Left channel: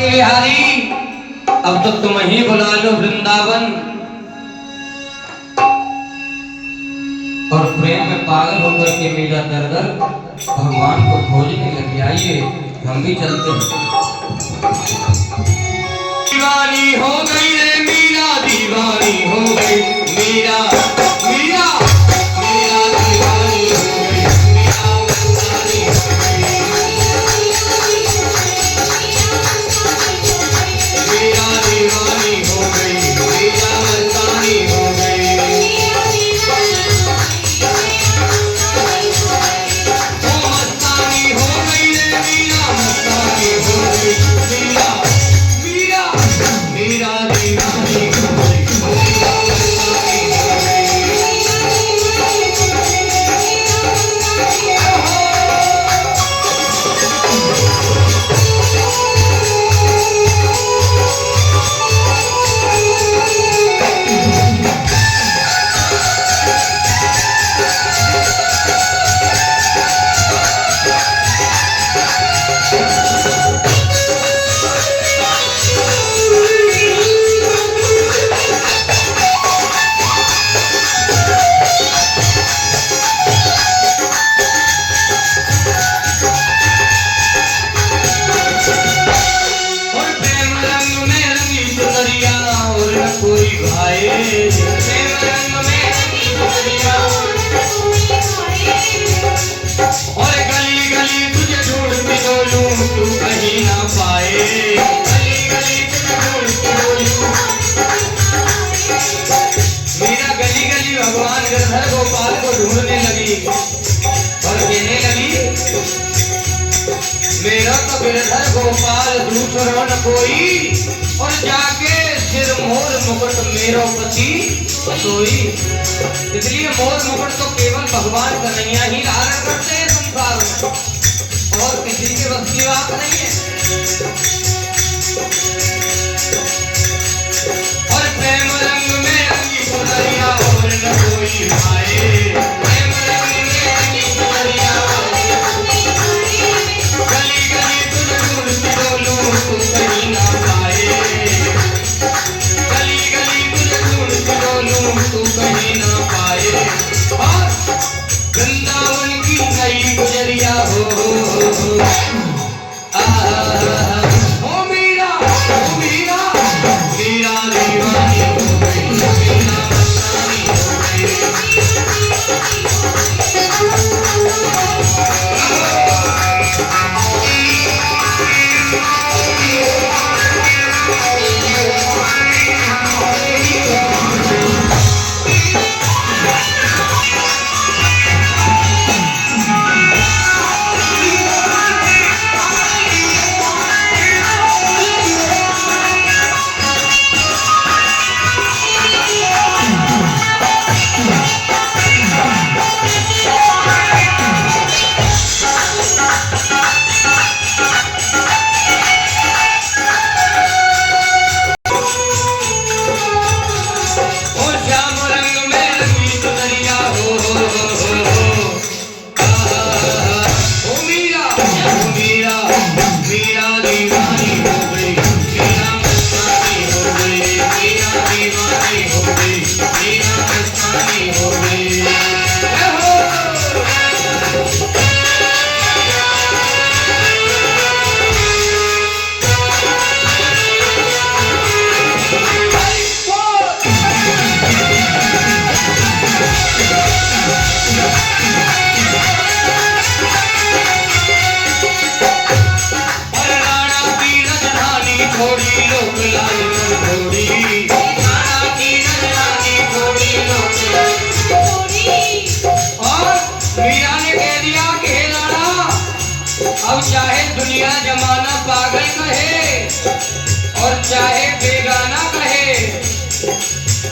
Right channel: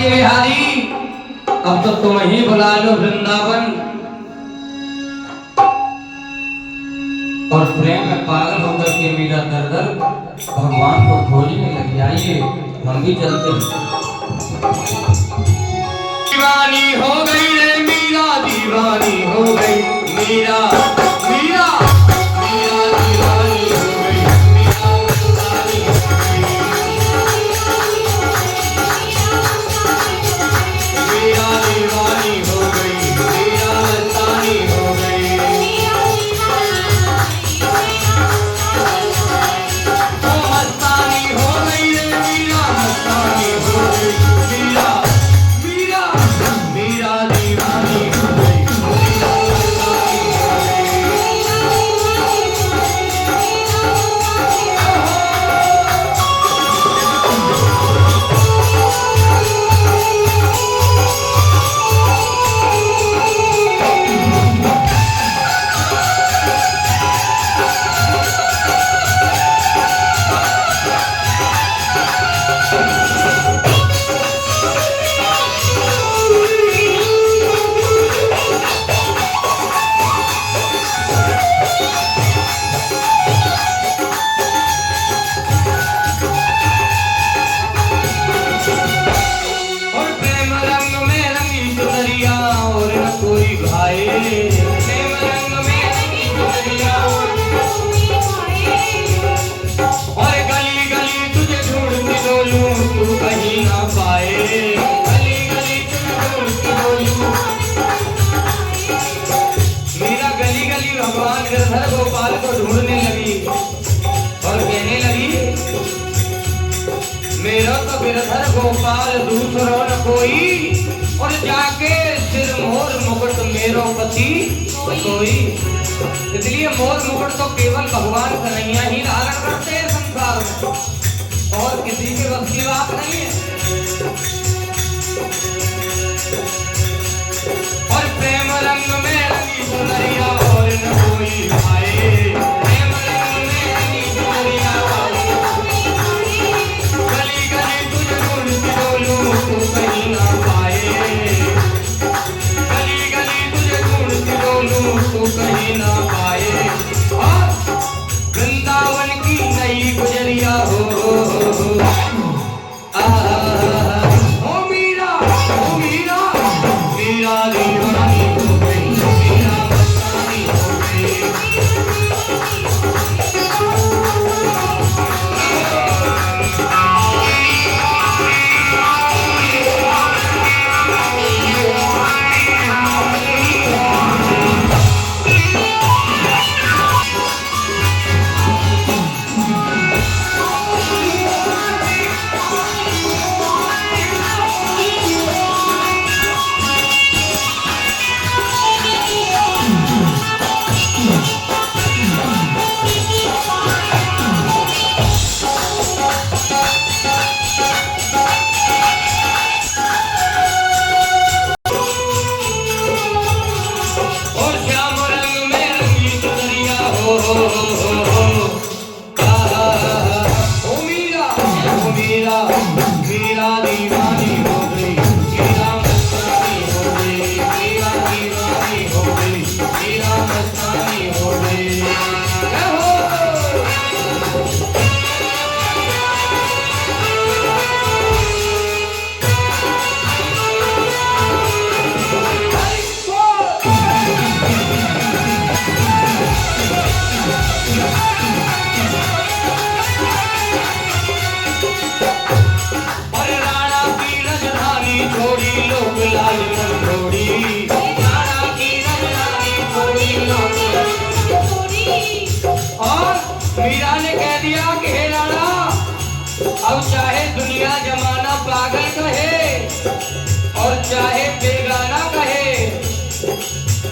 बिहारी अब तो तुम ही बुला लो वृंदावन। और प्रेम में पागल होकर के मीरा दर दर भगवान को खोजने लगी। आइए हम भी चलते हैं। दीवानी हो गई रे मीरा, दीवानी हो गई मीरा, मीरा मीरा दीवानी हो गई, मीरा मस्तानी हो गई, मीरा दीवानी हो गई, मीरा मस्तानी हो गई। वो मस्तानी हो गई रे मीरा, मस्तानी हो गई मीरा, मीरा मीरा दीवानी हो गई, मीरा मस्तानी हो गई। और प्रेम रंग में रंगी चुनरिया और न कोई भाई, प्रेम रंग में रंगी चुनरिया और गली गली तुझे ढूंढती डोलूं तू कहीं ना पाए, गली गली तुझे ढूंढती डोलूं। मीरा गली गली भगवान गिरधर गोपाल को ढूंढने लगी और कहने लगी मेरा तो गिरधर गोपाल दूसरा न कोई, और जाके सिर मोर मुकुट मेरो पति सोई। इसलिए मोर मुकुट तो केवल भगवान कन्हैया ही धारण करते हैं संसार में, और किसी के बस की बात नहीं है। और प्रेम रंग में रंगी चुनरिया और न कोई भाई, प्रेम रंग में रंगी चुनरिया गली गली तुझे ढूंढती डोलूं तू कहीं ना पाए, गली गली तुझे ढूंढती डोलूं तू कहीं ना पाए। और वृंदावन की नई गुजरिया हो ओ मीरा, ओ मीरा मीरा दीवानी हो गई, मीरा मस्तानी हो गई। और श्याम रंग में रंगी चुनरिया हो ओ मीरा, ओ मीरा मीरा दीवानी हो गई, मीरा मस्तानी हो गई, मीरा दीवानी हो गई, मीरा मस्तानी हो गई। जय हो। और राणा की राजधानी छोड़ी लोक लाज मन छोड़ी, राणा की राजधानी छोड़ी लोक लाज छोड़ी। और मीरा ने कह दिया कि हे राणा, अब चाहे दुनिया जमाना पागल कहे और चाहे बेगाना कहे,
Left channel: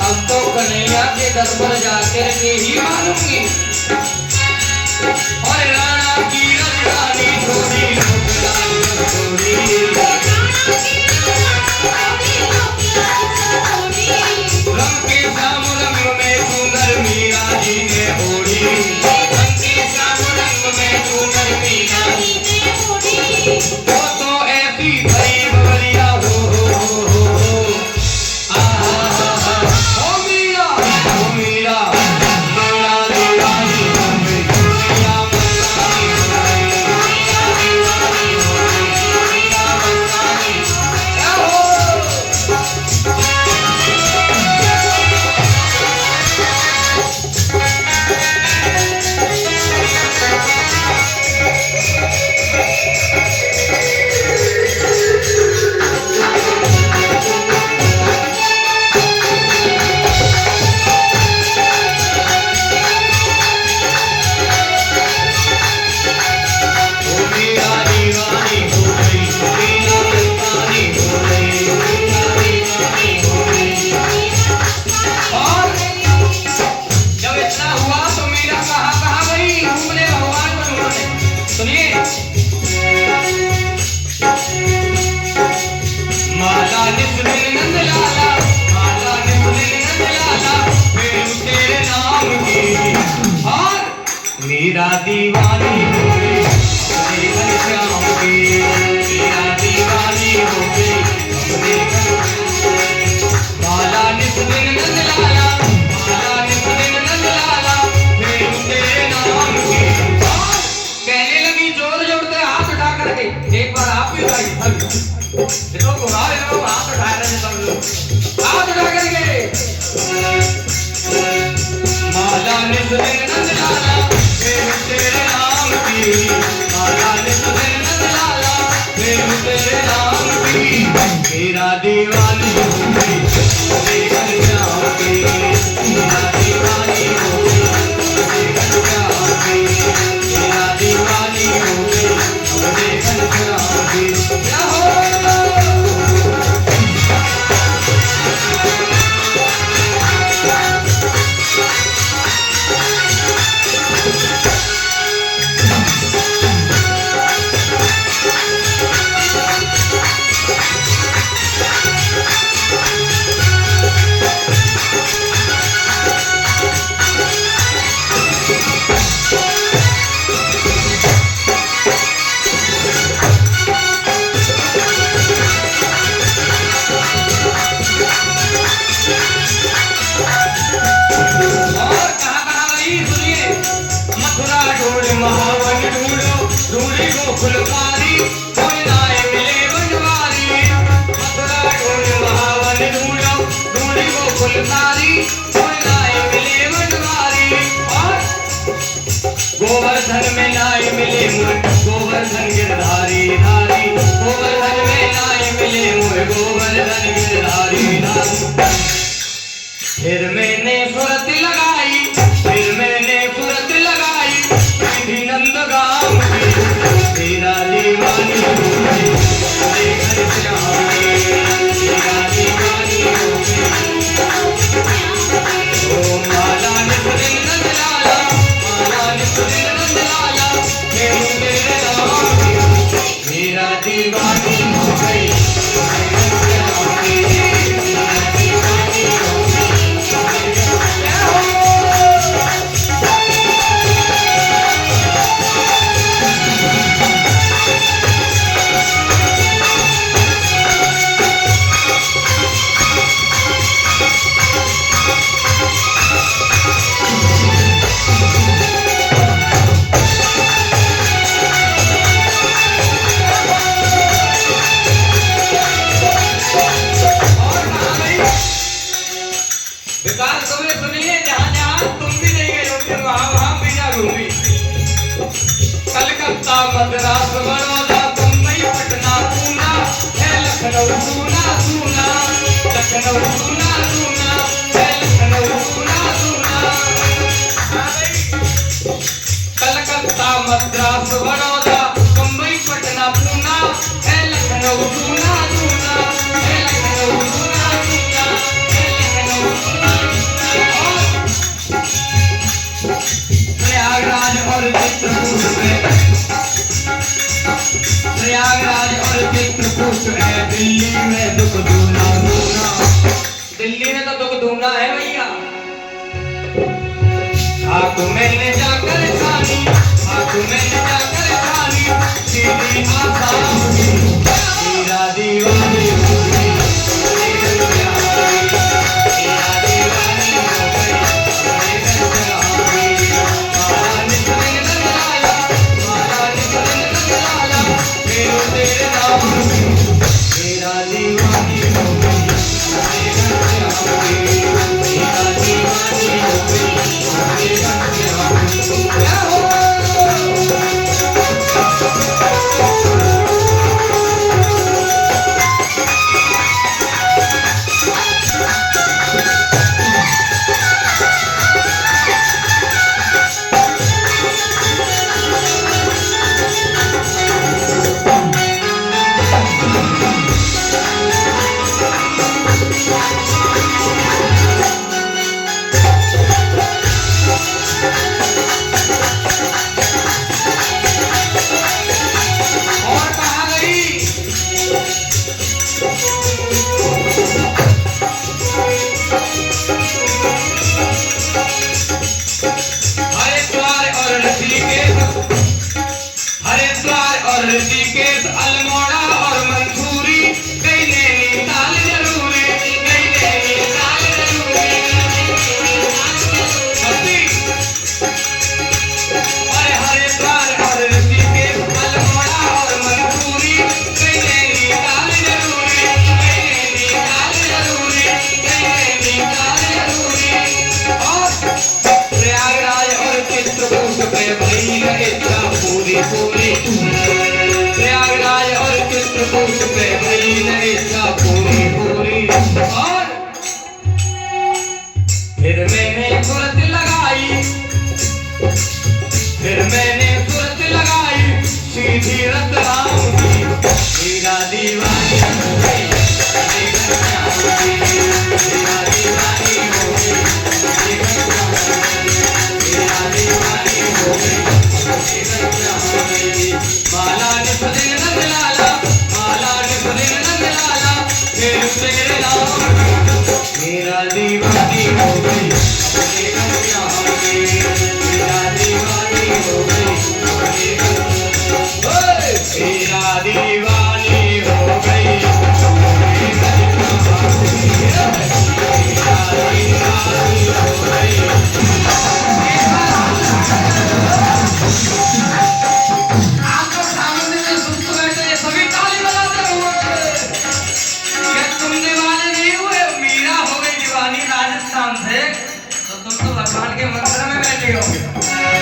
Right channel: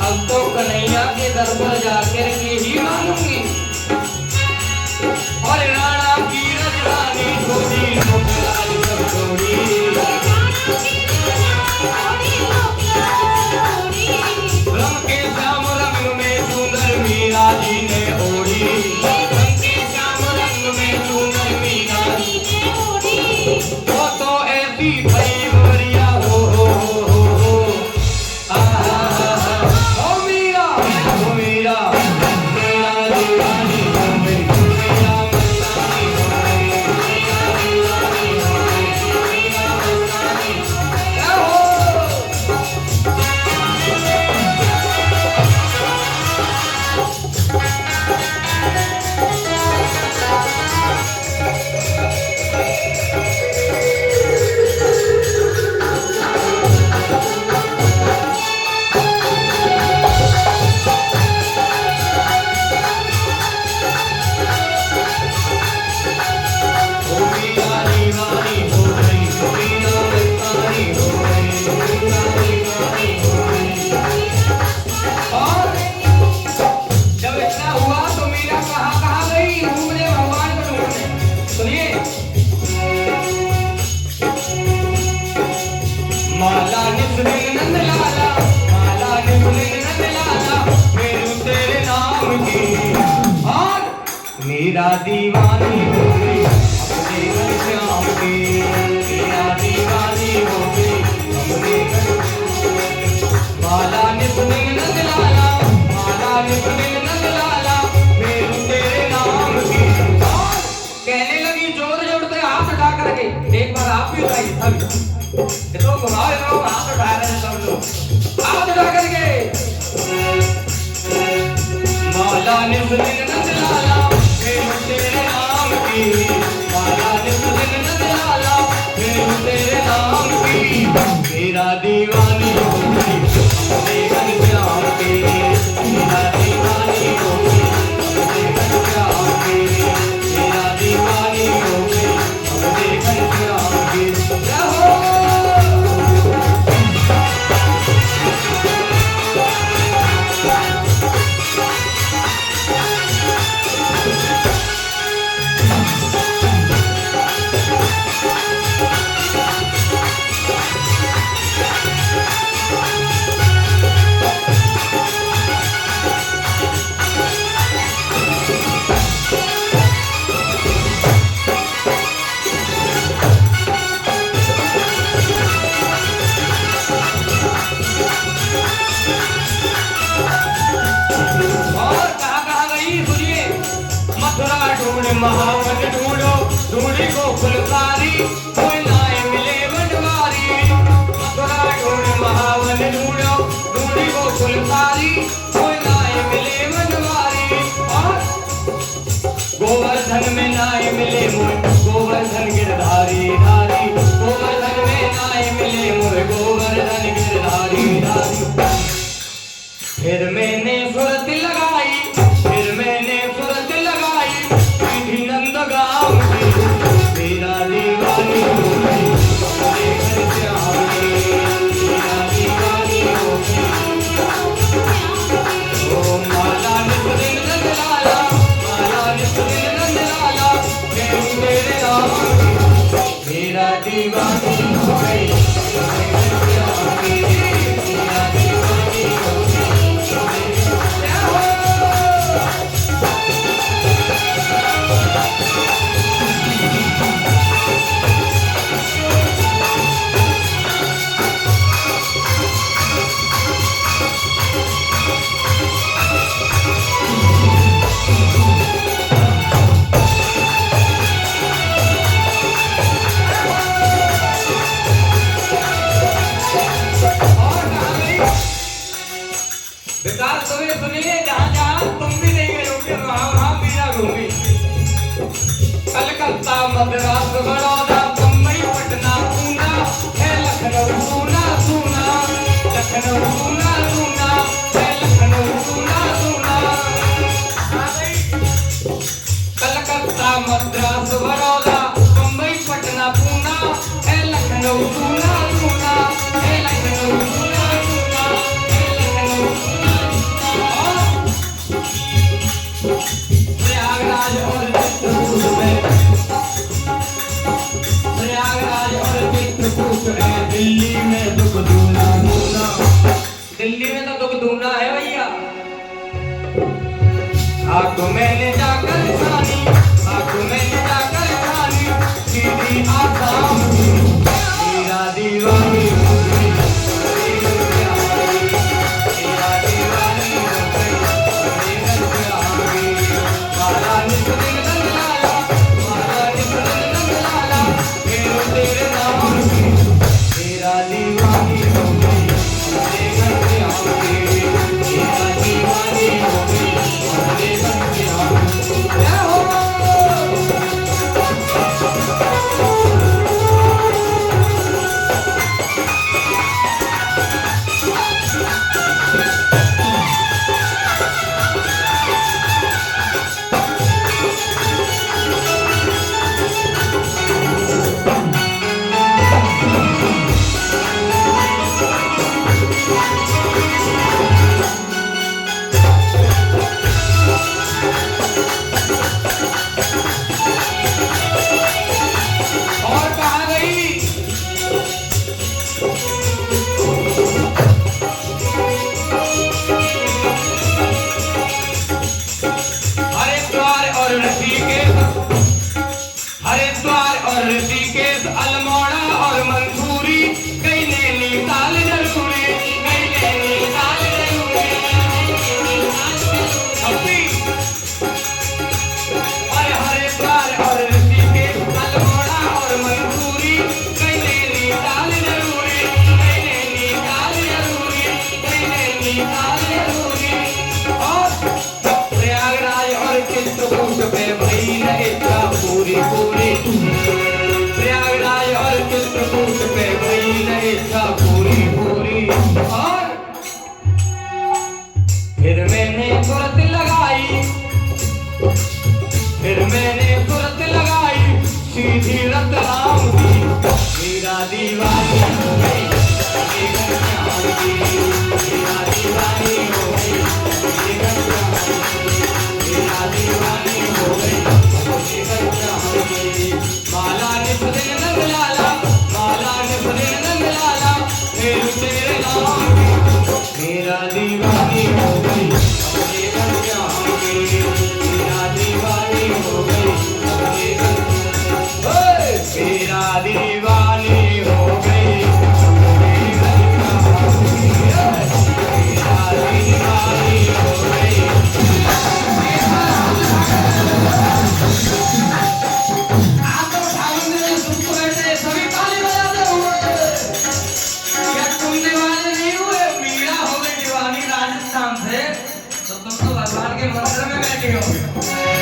अब तो कन्हैया के दर पर जाकर के ही मानूंगी। और राणा की राजधानी छोड़ी लोक लाज मन छोड़ी, रंग के श्याम रंग में सुंदर मीरा जी ने ओढ़ी, रंग के श्याम रंग में सुंदर मीरा जी ने ओढ़ी। वो तो ऐसी भई गोरिया निस दिन नंद लाला, माला निस दिन नंद लाला, फिर तेरे नाम की। और मीरा दीवानी हो गई अपने घनश्याम की, मीरा दीवानी हो गई अपने घनश्याम। माला निस दिन नंद लाला, माला निस दिन नंद लाला, फिर तेरे नाम की। और कहने लगी जोर जोर से हाथ उठा करके, एक बार आप भी उठाइए। तो बुला रहे हो, हाथ उठा रहे हैं सब लोग, हाथ उठा करके। माला निस दिन नंद लाला, फिर तेरे नाम की, माला निस दिन नंद लाला, फिर तेरे नाम की। मेरा दीवानी हो गई अपने घनश्याम की, मेरा दीवानी हो गई अपने घनश्याम की, मेरा दीवानी हो गई अपने घनश्याम की। क्या हो महावन ढूंढो ढूंढी गोकुलकारी, कोई नाय मिले बनवारी। मथुरा ढूंढ महावन ढूंढो ढूंढी गोकुलकारी, कोई नाय मिले बनवारी। और गोवर्धन में नाय मिले मुझ गोवर्धन गिरधारी धारी, गोवर्धन में नाय मिले मुझ गोवर्धन गिरधारी धारी। फिर मैंने सुरत लगाई, फिर मैंने सुरत लगाई, नंद गाँव की। मेरा दीवानी हो गई अपने घनश्याम की, मेरा दीवानी हो गई। ओ माला निस दिन नंद लाला, माला निस दिन नंद लाला, फिर तेरे नाम की। मेरा दीवानी हो गई अपने घनश्याम की, मेरा दीवानी हो गई। कलकत्ता मद्रास बड़ौदा मुंबई पटना पूना है लखनऊ सूना सूना, लखनऊ सूना सूना है लखनऊ सूना सूना। कलकत्ता मद्रास बड़ौदा मुंबई पटना पूना है लखनऊ सूना सूना, है लखनऊ सूना सूना, है लखनऊ सूना सूना। प्रयागराज और चित्रकूट में, प्रयागराज और चित्रकूट है, दिल्ली में दुख दूना दूना, दिल्ली में तो दुख दूना है भैया। आंखों मैंने जाकर छानी, आंखों मैंने जाकर छानी, सीधी आसाम की। मेरा दीवानी हो गई अपने घनश्याम की, मेरा दीवानी हो गई अपने घनश्याम की। माला निस दिन नंद लाला, माला निस दिन नंद लाला, फिर तेरे नाम की। मेरा दीवानी हो गई अपने घनश्याम की, मेरा दीवानी हो गई अपने घनश्याम की। खेलूं तेरे नाम मेरा दीवानी हो गई अपने घर यहाँ पे मेरा दीवानी हो गई अपने घर मेरा दीवानी हो गई अपने घर यहाँ पे मेरा दीवानी हो गई। आप तो सामने में सुनते बैठे सभी ताली बजाते हुए क्या तुम दीवाने नहीं हुए? मीरा हो गई दीवानी राजस्थान से तो तुम तो भगवान के मंदिर में बैठे होगे।